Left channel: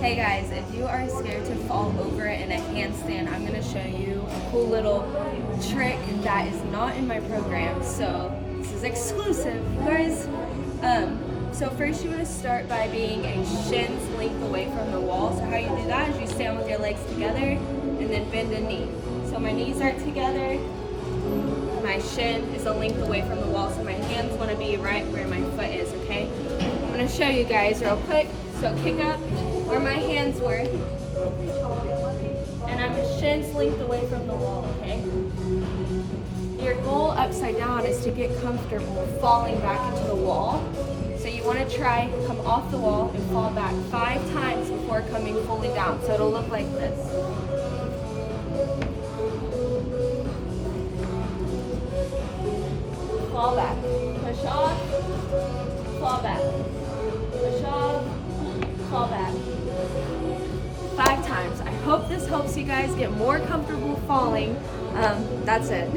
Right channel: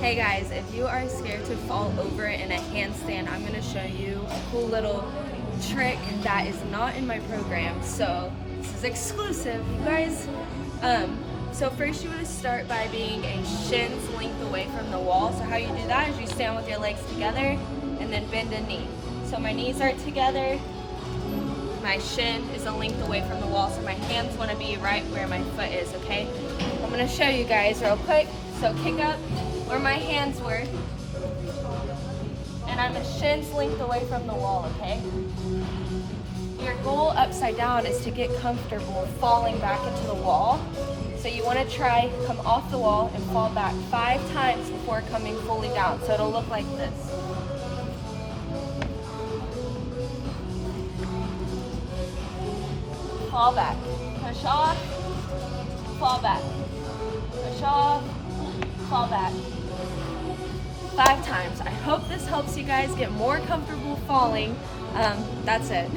Hey guys, if you are scared to fall over in a handstand, I'm gonna show you a cool little trick that is not in my program. So this is exclusive, you guys. So first you wanna start by being a shin's length away from the wall. So how you do that is you stand with your legs together and then bend a knee. So my knees are together, my shin is a length away from the wall, so my hands wanna be right where my foot is, okay? I'm gonna show you guys real quick. So kick up where my hands were, and I'm a shin's length away from the wall, okay? Your goal upside down is to get comfortable falling back into the wall. So you want to try come off the wall and fall back 5 times before coming fully down. So it'll look like this. Fall back, push off, fall back, push off, fall back. 5 times. I hope this helps you guys get more comfortable falling. That's it.